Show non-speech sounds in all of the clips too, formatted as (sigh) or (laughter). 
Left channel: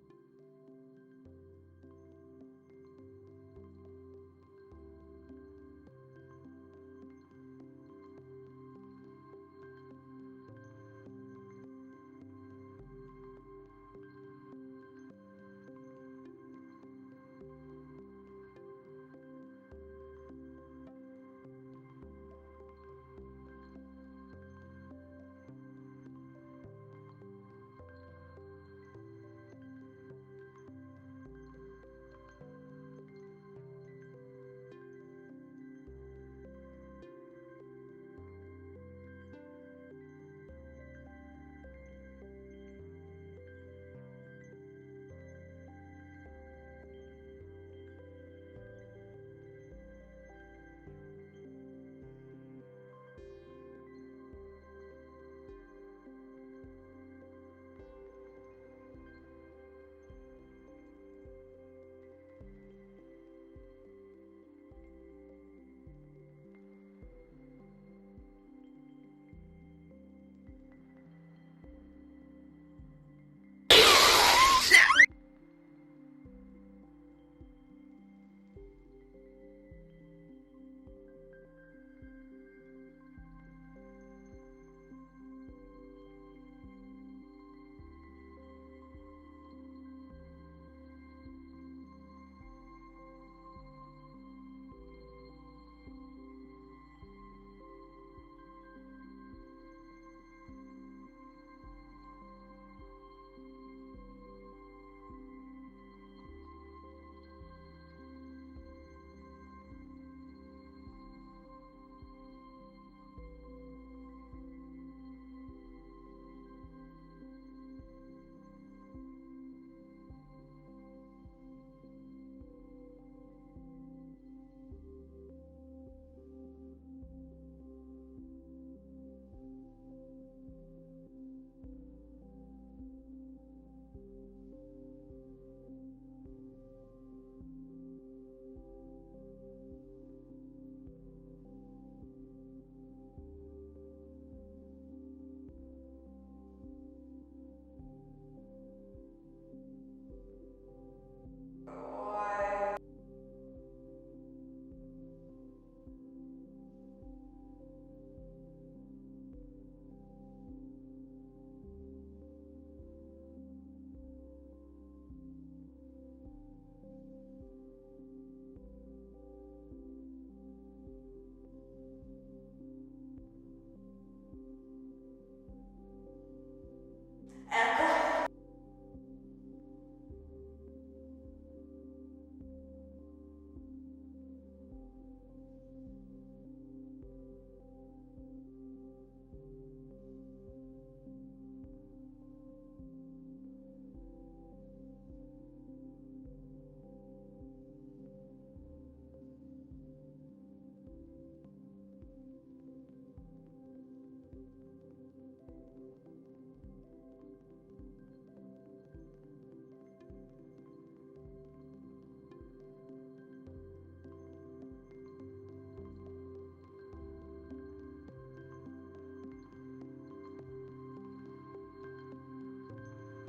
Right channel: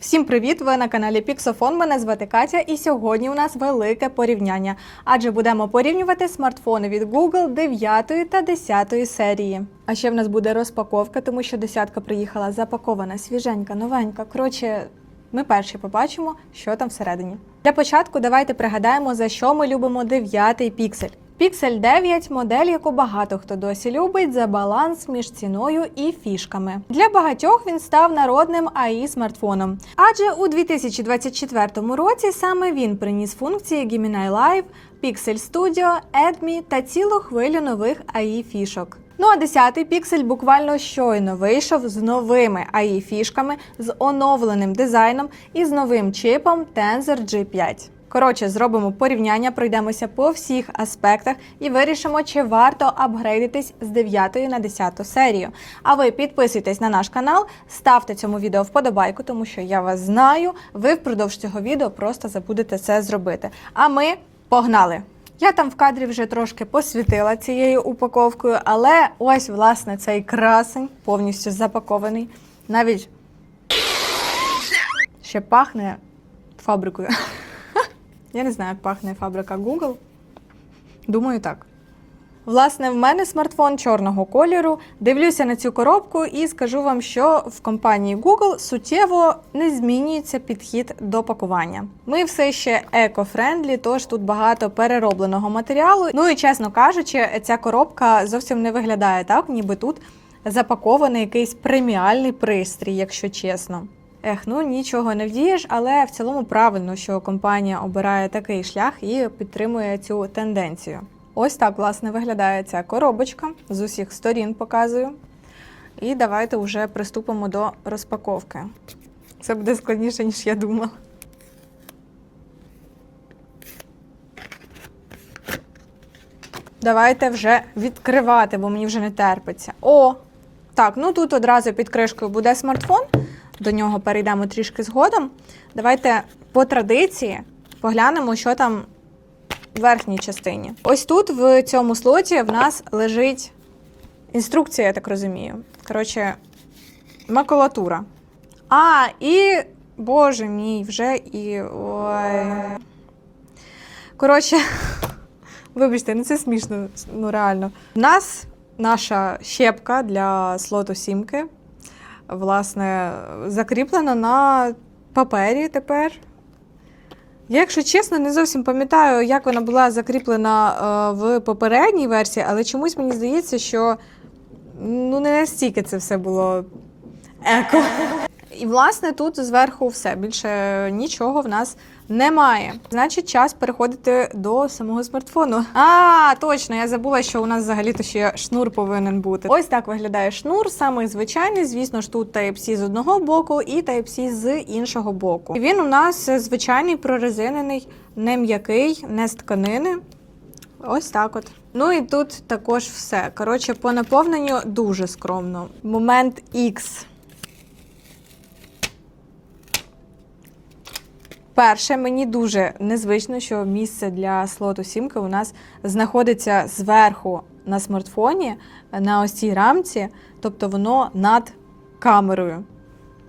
Всім привіт! Ви на каналі Pixofon. Мене звати Катя, і сьогодні у нас велике порівняння. Адже будемо порівнювати смартфони від Google 9 та 10 серії. А ще в нас буде розпаковка, тому що десятка приїхала запакована, свіженька, новенька. Коротше, ми перші побачимо, що там всередині. Для початку давайте пригадаємо, за що ми любимо 9 піксель. Піксель 9 модель, яку багато хто досі любить за баланс між ціною і фішками. Для багатьох він став народним AI смартфоном. Адже у 2024 році саме він приніс функції Gemini Live, Pixel Studio, Edmi та цілу хвилю нових AI фішок. Ну а 10-й піксель буквально щойно вийшов з новими AI фішками, з оновленим дизайном і з новим чипом Tensor G5. Коротше, зробимо порівняння, пройдемося по всіх аспектах і вирішимо, чи варто апгрейдитись з 9 на 10 серію. А ви підписуйтесь на наш канал, ставте цьому відео вподобайку, тому що я вас знаю. Ви впродовж цього відео просто забудете це зробити. А ми погнали! Я там в кадрі вже трошки посвітила цією упаковкою, але ось власне цей красень повністю запакований. Навіть ще пахне фабрикою. Я не знаю, як пахне фабрика Google. Думаю, так. Власне, в мене смартфон чорного кольору. Дивлюся на цю коробку і скажу вам, що в компанії Google суттєво не змінюється підхід до пакування. Ми все ще еко-френдлі, тож тут багато переробленого матеріалу. Ну і чесно кажучи, ця коробка зовсім не виглядає так, ніби тут запакований якийсь преміальний пристрій, якщо чесно. Ех, ну нічого не вдієш, але в цілому правильно, що компанія обирає такий шлях і підтримує цю тенденцію. Ось так, власне, виглядає ця коробочка. З усіх сторін показую. І давайте вже приступимо до розпаковки. Це буде складніше, ніж я думала. Давайте вже відкривати, бо мені вже не терпиться. О! Так, ну тут одразу під кришкою буде смартфон. До нього перейдемо трішки згодом. Давайте по традиції поглянемо, що там в верхній частині. Ось тут, в цьому слоті, в нас лежить інструкція, я так розумію. Коротше, макулатура. А, і. Боже мій, вже і. Ой. Коротше, (laughs) вибачте, ну це смішно, ну реально. У нас наша щепка для слоту сімки власне, закріплена на папері тепер. Я, якщо чесно, не зовсім пам'ятаю, як вона була закріплена е, в попередній версії, але чомусь мені здається, що ну, не настільки це все було еко. І, власне, тут зверху все. Більше нічого в нас немає. Значить, час переходити до самого смартфону. А, точно, я забула, що у нас взагалі-то ще шнур повинен бути. Ось так виглядає шнур, самий звичайний. Звісно ж, тут Type-C з одного боку і Type-C з іншого боку. Він у нас звичайний прорезинений, не м'який, не з тканини. Ось так от. Ну і тут також все. Коротше, по наповненню дуже скромно. Момент X. Перше, мені дуже незвично, що місце для слоту сімки у нас знаходиться зверху на смартфоні, на ось цій рамці, тобто воно над камерою.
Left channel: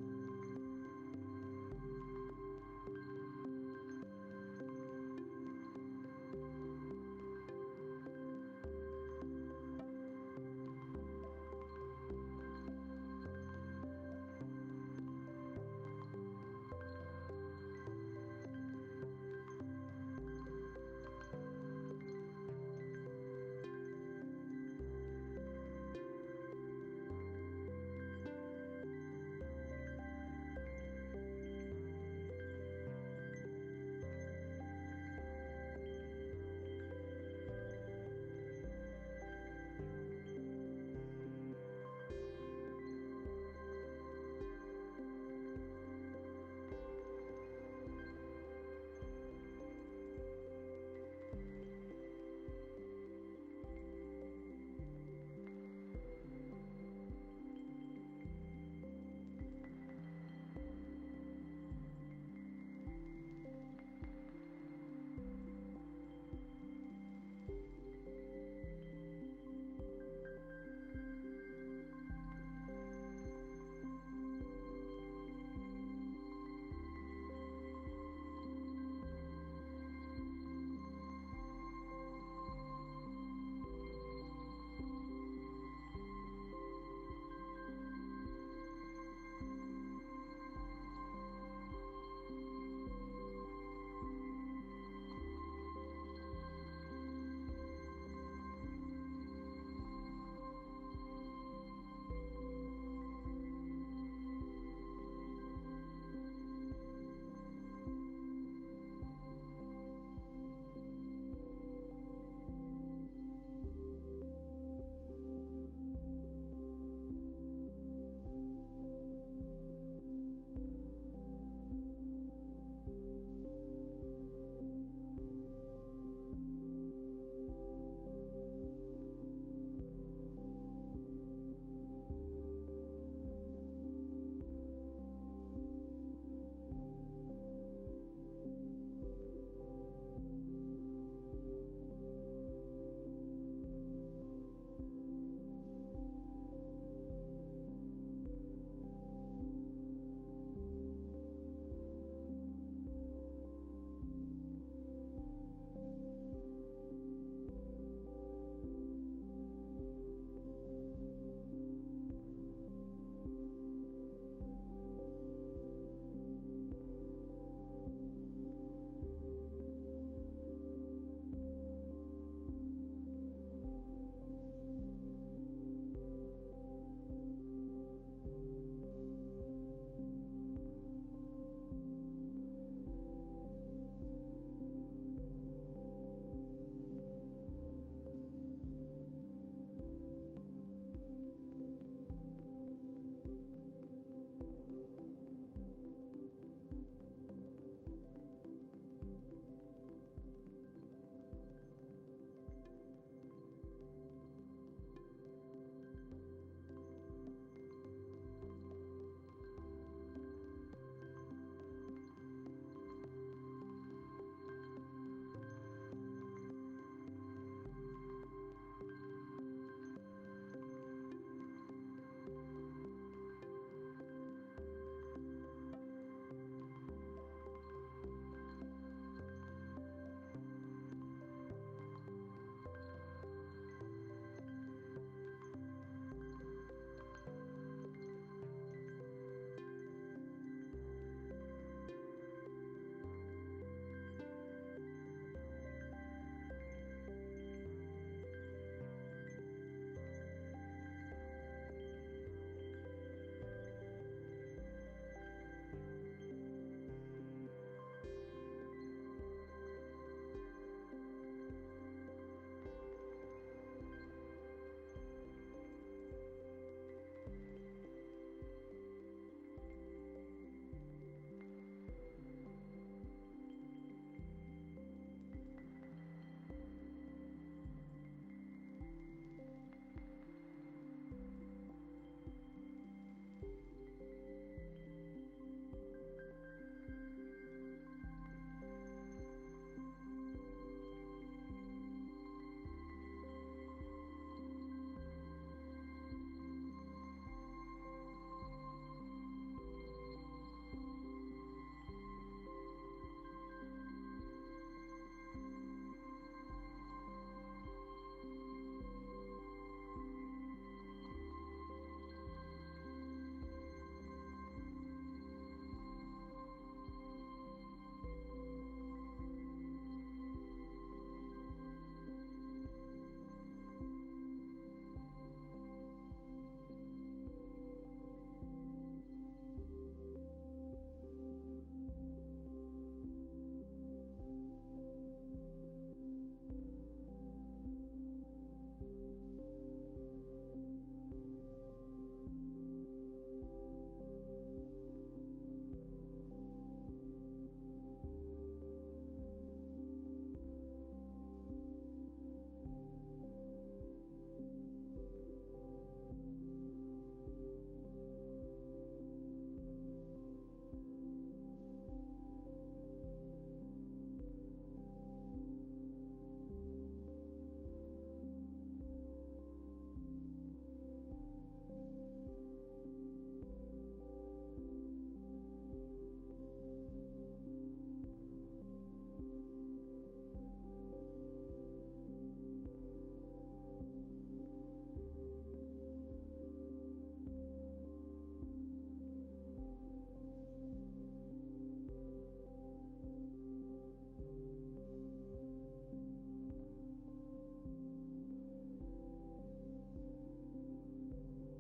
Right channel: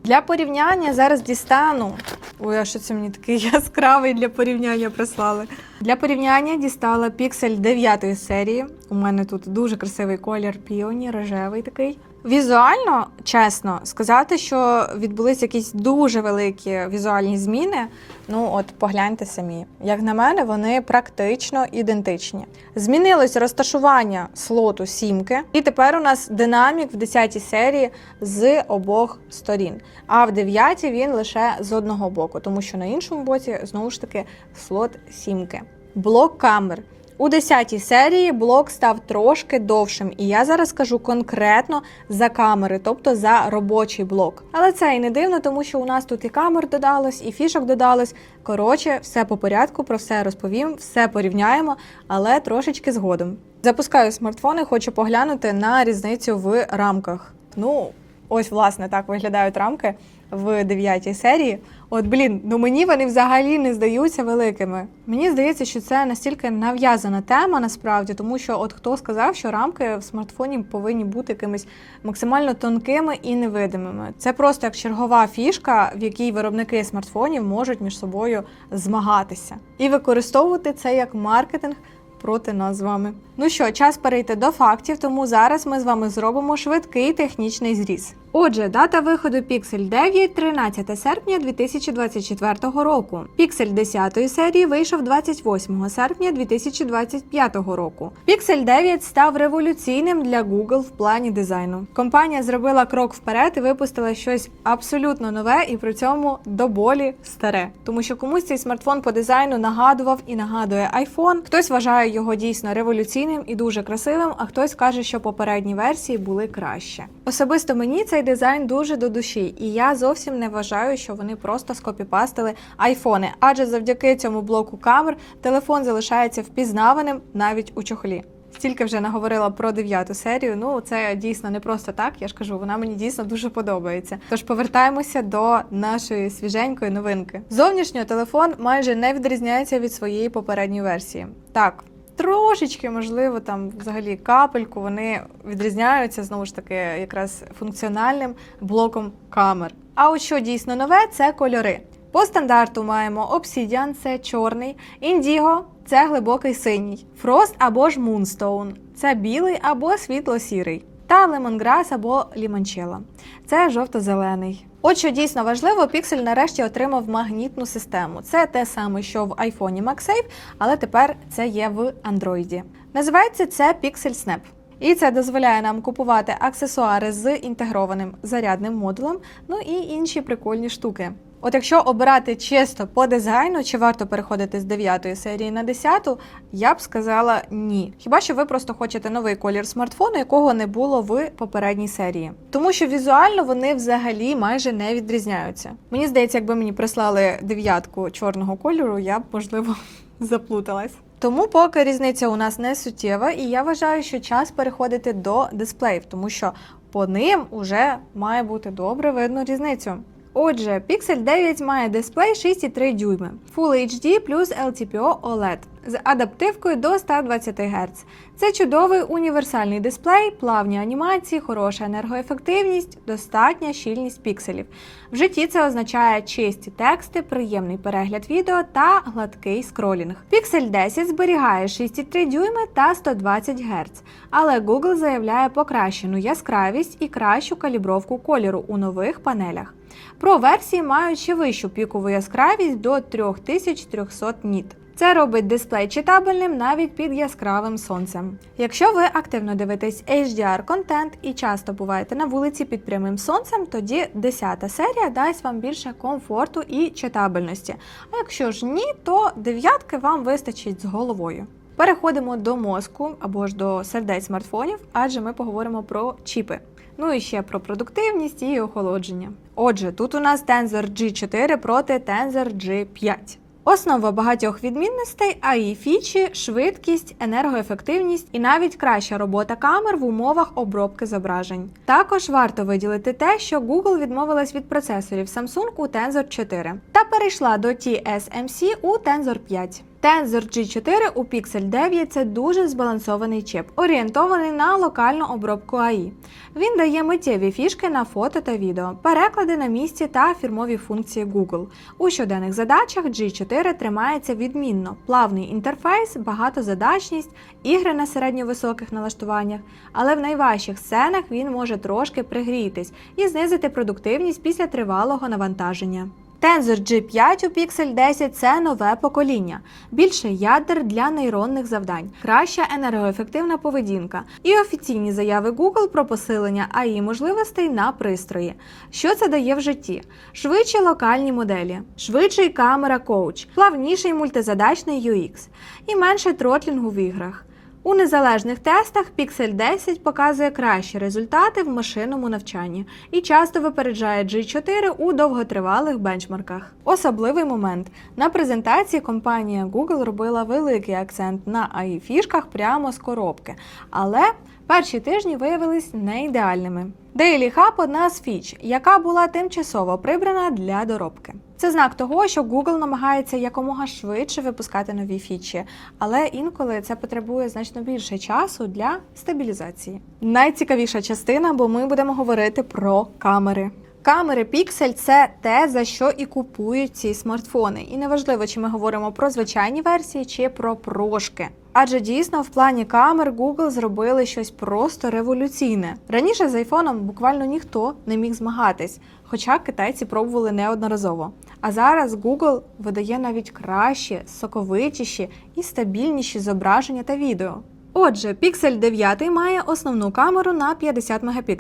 Для порівняння зараз дістану. Ой, а що це мені такий (laughs) яскравий для порівняння прислали. Для порівняння дістала Pixel 9 серії. У мене тут дуже красивий колір піоні, рожевий такий. Візуально, чесно, сказати, що відбулись якісь дуже великі візуальні зміни. Ну, от погляньте самі. Як на мене, вони практично ідентичні. Змінилось розташування слоту сімки, і тепер у нас динамік в 10 серії з обох сторін. А в 9 він лише з одного боку, тому що на іншому боці знову ж таки слот сімки. Блок камер. У 10 серії блок став трошки довшим, і я зараз кажу конкретно за камери, тобто за робочий блок. Але це і не дивно, тому що у нас тут і камер додалось, і фішок додалось. Коротше, все по порядку, про все розповім, все порівняємо, але трошечки згодом. Запускаю смартфон і хочу поглянути на різницю в рамках. Ну, ось, власне, так виглядають рамки в 9 серії. От блін, ну мені вони взагалі не здаються великими. Мені здається, що це настільки нав'язана тема насправді, тому що от хто сказав, що рамки в смартфоні повинні бути якимись максимально тонкими і невидимими. Це просто як чергова фішка, в якій виробники смартфонів можуть між собою змагатися і використовувати це як маркетинг проти нас з вами. Ну що, час перейти до фактів, тому зараз ми з вами зробимо швидкий технічний зріз. Отже, дата виходу Pixel 9 13 серпня 2024 року. Pixel 10 серії вийшов 28 серпня 2025 року. Pixel 9 став революційним для Google в плані дизайну. Компанія зробила крок вперед і випустила щось абсолютно нове і при цьому до болі старе. Тому що комусь цей смартфон по дизайну нагадував і нагадує iPhone. Хтось вважає його дійсно революційним і дуже красивим, а хтось каже, що попередні версії були краще. Особисто мені цей дизайн дуже до душі, і я зовсім не вважаю, що вони просто скопіпастили айфони, адже завдяки цьому блоку камер телефон залишається впізнаваним навіть у чохлі. Стільки вже наговорила про дев'яту серію. Ну це дійсно не просто так. Я ж кажу, вона мені дійсно дуже подобається. Тож повертаємося до нашої свіженької новинки. Зовнішньо телефон майже не відрізняється від своєї попередньої версії. Так. Трошечки, можливо, там взагалі капельку вони відрізняються знову ж таки якраз функціональним блоком камер. А от що дійсно нове, це кольори. По стандарту маємо Obsidian – це чорний, Indigo – це глибокий синій, Frost або ж Moonstone – це білий або світло-сірий, та Lemongrass або Limoncello – це жовто-зелений. От що дійсно важливо, Pixel нарешті отримав магнітну систему. Це те саме, що в iPhone MagSafe, але тепер це є в Android. Називається це Pixel Snap. І це дозволяє нам купувати аксесуари з інтегрованим зарядним модулем, ну і інші прикольні штуки. От якщо обирати чисто по дизайну, чи варто переходити з 9 серії на 10, я б сказала ні. Хіба що ви просто хочете новий колір смартфону, якого не було в попередній серії. Тому що візуально вони взагалі майже не відрізняються. Мені здається, якби мені прислали дев'ятку чорного кольору, я б можливо (laughs) заплуталась. Тому поки різниця у нас не суттєва, і я вважаю, що час переходити до дисплеїв, тому що по ним уже має бути добре видно різницю. Отже, Pixel 9 має дисплей 6,3 дюйми, Full HD плюс LTPO OLED з адаптивкою до 120 Гц. Це чудовий універсальний дисплей, плавні анімації, хороша енергоефективність, достатня щільність пікселів. В житті це означає чисті тексти, приємний перегляд відео та гладкий скролінг. Pixel 10 зберігає 6,3 дюйми та 120 Гц, але Google заявляє покращену яскравість і кращу калібровку кольору у нових панелях. Про версії мають ще вищу пікову яскравість до 3300 ніт. Це робить дисплей читабельним навіть під яскравим сонцем. Якщо ви активно дивитесь HDR контент і часто буваєте на вулиці під прямим сонцем, тоді 10 серія дасть вам більше комфорту і читабельності. А якщо ж ні, то дев'ятки вам вистачить з головою. Переходимо до мозку або ж до сердець смартфонів, адже ми поговоримо про чіпи. Ну і ще про продуктивність і охолодження. Отже, тут у нас Tensor G4 проти Tensor G5. Основа багатьох відмінностей а її фічі, швидкість, енергоефективність і навіть краща робота камер в умовах обробки зображень. Також варто виділити те, що Google відмовилась від процесорів Samsung у Tensor 4 та перейшла до TSMC у Tensor 5. Tensor G4 у Pixel 9 це дуже збалансований чип, орієнтований на локальну обробку AI. Він дає миттєві фішки на фото та відео, переклади на місці та фірмові функції Google. У щоденних задачах G4 тримається відмінно, плавний інтерфейс, багатозадачність, ігри на середньовисоких налаштуваннях, але в найважчих сценах він може трошки пригрітись і знизити продуктивність після тривалого навантаження. Tensor G5 у Pixel 10 це нове покоління, більше ядер для нейронних завдань, краща енергоефективна поведінка і офіційні заяви Google про посилення AI можливостей на пристрої. Що це дає в житті? Швидші локальні моделі, швидший камера коуч, плавніший мультизадачний UX і менше тротлінгу в іграх. У незалежних тестах Pixel 10 показує кращі результати в машинному навчанні і часто випереджає G4 у довготривалих бенчмарках. Особливий момент на презентації компанія Google робила великий акцент на AI фішках прямо з коробки, але перші тижні виявились не ідеальними. Daily Hub – одна з фіч, яка була тимчасово прибрана для доробки. Це знак того, що Google намагається якомога швидше випускати нові фічі, але інколи це потребує значно більше часу для стабілізації. Найцікавіша частина, бо ми будемо говорити про камери. Камери Pixel – це те, за що і купують ці смартфони. І неважливо, чи ми говоримо про звичайні версії чи про прошки. Адже дійсно в плані камер Google зробили щось просто революційне. Раніше з айфоном буквально ніхто не міг змагатись, хоча китайці пробували неодноразово. А зараз Google видає навіть кращі, соковитіші і стабільніші зображення та відео. Отже, Pixel 9 має основну камеру на 50 Мп,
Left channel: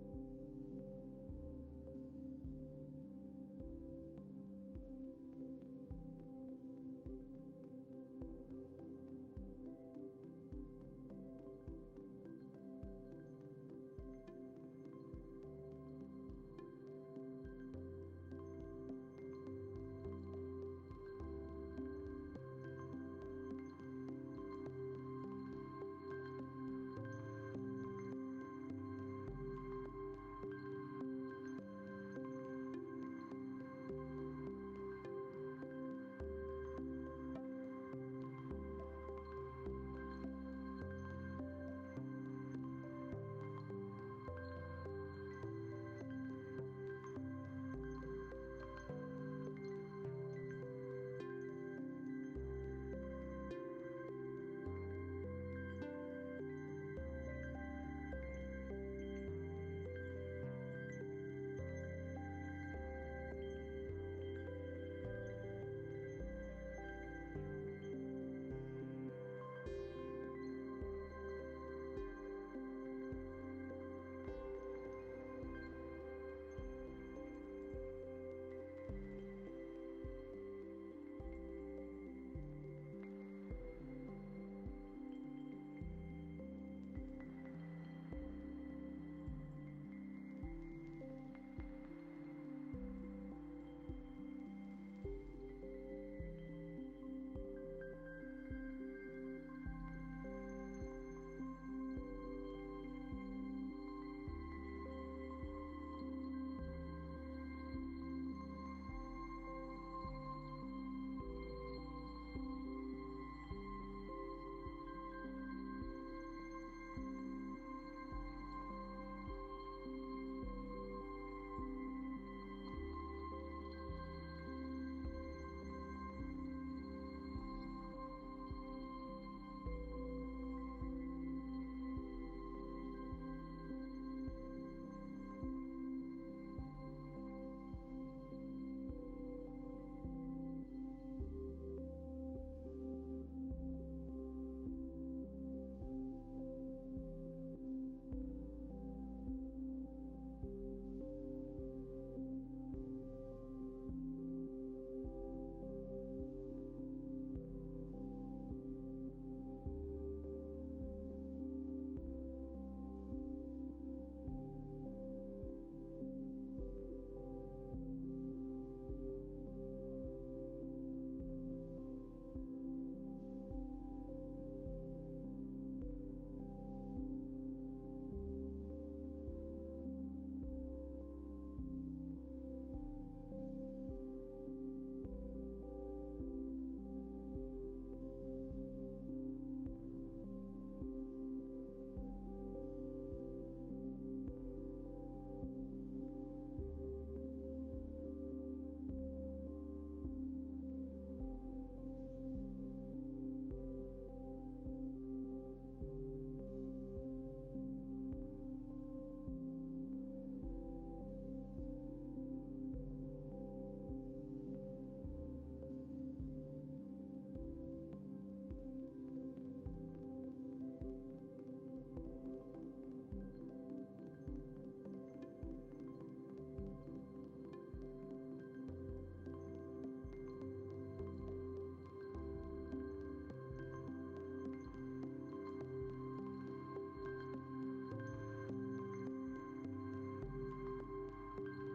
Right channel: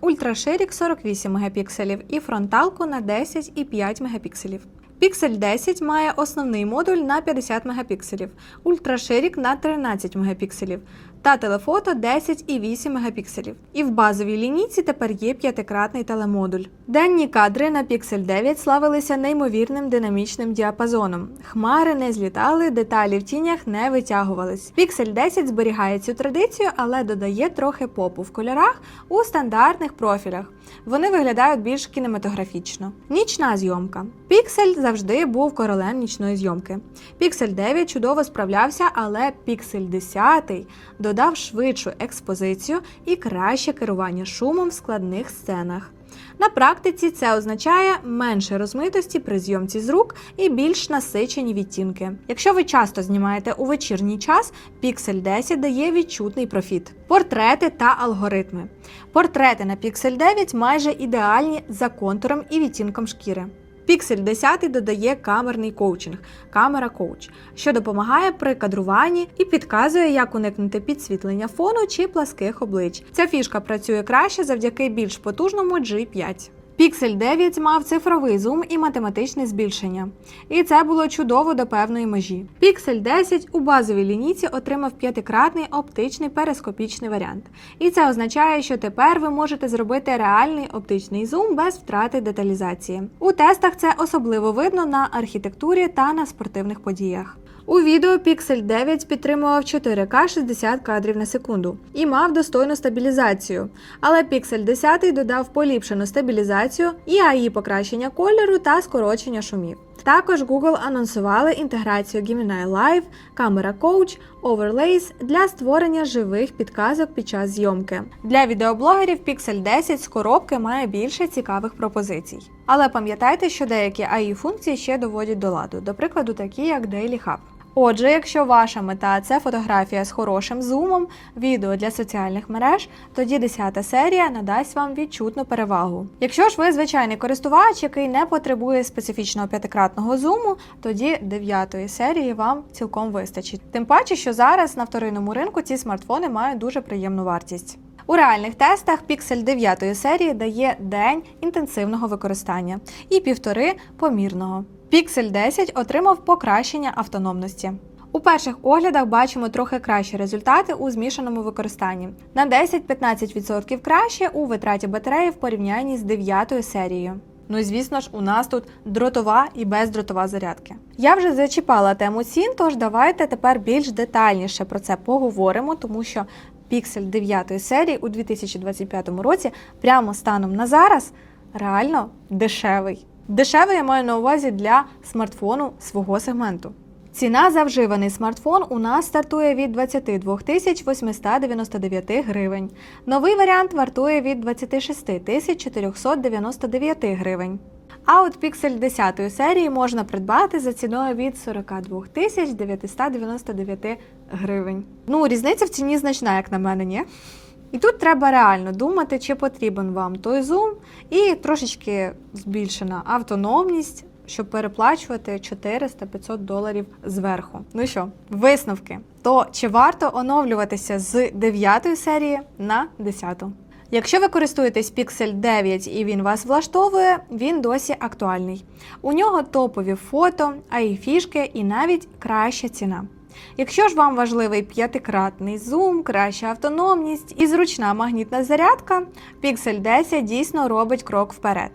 ультраширік 48 Мп і фронталку на 10,5 Мп. Pixel 10 має основний модуль на 50 Мп, ультраширік на 13 мегапікселів та телефото 10,8 мегапікселів. І в базовій лінійці тепер є п'ятикратний телемодуль. Денні кадри на Pixel 9 славилися неймовірним динамічним діапазоном. Хмари не злітали, деталі в тінях не витягувались. Pixel 10 зберігає цю традицію, але додає трохи попу в кольорах у стандартних профілях. Вони виглядають більш кінематографічно. Нічна зйомка. Pixel завжди був королем нічної зйомки. Pixel 9 чудово справлявся, але Pixel 10 додав швидшу експозицію і краще керування шумом в складних сценах. На практиці це означає менше розмитості при зйомці з рук і більш насичені відтінки. Якщо ви часто знімаєте у вечірній час, Pixel 10 дає відчутний профіт. Портрети та алгоритми. Портрети на Pixel 9 майже ідеальні за контуром і відтінком шкіри. Pixel 10 додає камерний коучинг, камера коуч, що допомагає при кадруванні і підказує, як уникнути підсвітлення фону чи пласких облич. Ця фішка працює краще завдяки більш потужному G5. Pixel 9 мав цифровий зум і математичне збільшення. І це було чудово до певної межі. Pixel 10 у базовій лінійці отримав п'ятикратний оптичний перископічний варіант. І це означає, що тепер ви можете зробити реальний оптичний зум без втрати деталізації. У тестах це особливо видно на архітектурі та на спортивних подіях. У відео Pixel 9 підтримував 4К 60 кадрів на секунду і мав достойну стабілізацію. Але Pixel 10 додав поліпшену стабілізацію і AI покращення кольору та скорочення шумів. Також Google анонсували інтеграцію Gemini Live, камера Coach, Overlays для створення живих підказок під час зйомки. Для відеоблогерів Pixel 10 з коробки має більше цікавих пропозицій. Але пам'ятайте, що деякі AI функції ще доводять до ладу, до прикладу, такі як Daily Hub. Отже, якщо ваша мета це фотографія з хорошим зумом, відео для соціальних мереж, тоді 10 серія надасть вам відчутну перевагу. Якщо ж ви звичайний користувач, який не потребує специфічного п'ятикратного зуму, тоді 9 серії вам цілком вистачить. Тим паче, що зараз на вторинному ринку ці смартфони мають дуже приємну вартість. У реальних тестах Pixel 9 серії дає день інтенсивного використання і півтори помірного. Pixel 10 отримав покращення автономності. У перших оглядах бачимо трохи кращі результати у змішаному використанні на 10-15% краще у витраті батареї в порівнянні з 9 серією. Ну і звісно ж, у нас тут дротова і бездротова зарядки. Я вже зачіпала тему цін, тож давайте тепер більш детальніше про це поговоримо, тому що Pixel 9 серії у 2025 році, прямо станом на зараз, реально дешевий. Дешевий я маю на увазі для смартфону свого сегменту. Ціна за вживаний смартфон у нас стартує від 22 тисяч 899 гривень. Новий варіант вартує від 26 тисяч 499 гривень. А от Pixel 10 серії можна придбати за ціною від 42 тисяч 999 гривень. Ну, різниця в ціні значна, як на мене, ні? І тут треба реально думати, чи потрібен вам той зум, і трошечки збільшена автономність, щоб переплачувати 400-500 доларів зверху. Ну що, висновки. То чи варто оновлюватися з 9 серії на 10? Якщо ви користуєтесь Pixel 9 і він вас влаштовує, він досі актуальний. У нього топові фото, AI фішки і навіть краща ціна. Якщо ж вам важливий п'ятикратний зум, краща автономність і зручна магнітна зарядка, Pixel 10 дійсно робить крок вперед.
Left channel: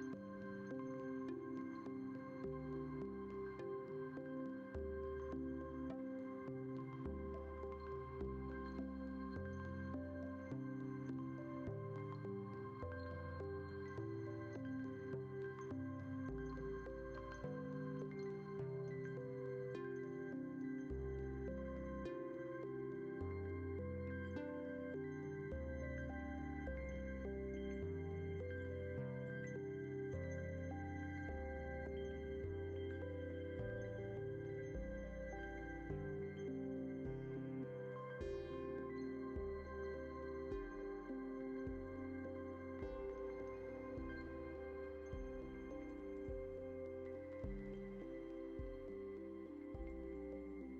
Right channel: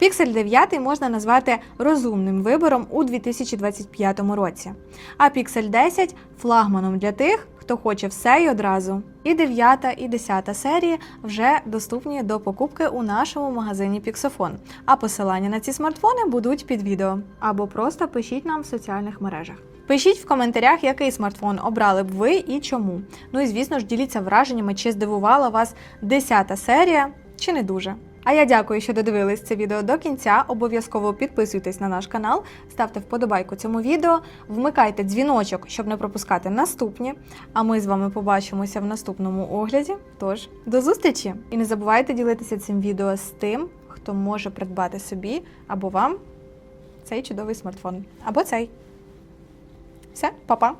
Pixel 9 можна назвати розумним вибором у 2025 році, а Pixel 10 флагманом для тих, хто хоче все і одразу. І 9 і 10 серії вже доступні до покупки у нашому магазині Pixofon. А посилання на ці смартфони будуть під відео. Або просто пишіть нам в соціальних мережах. Пишіть в коментарях, який смартфон обрали б ви і чому. Ну і звісно ж діліться враженнями, чи здивувала вас 10 серія, чи не дуже. А я дякую, що додивились це відео до кінця. Обов'язково підписуйтесь на наш канал, ставте вподобайку цьому відео, вмикайте дзвіночок, щоб не пропускати наступні. А ми з вами побачимося в наступному огляді. Тож до зустрічі! І не забувайте ділитися цим відео з тим, хто може придбати собі або вам цей чудовий смартфон. Або цей. Все, па-па!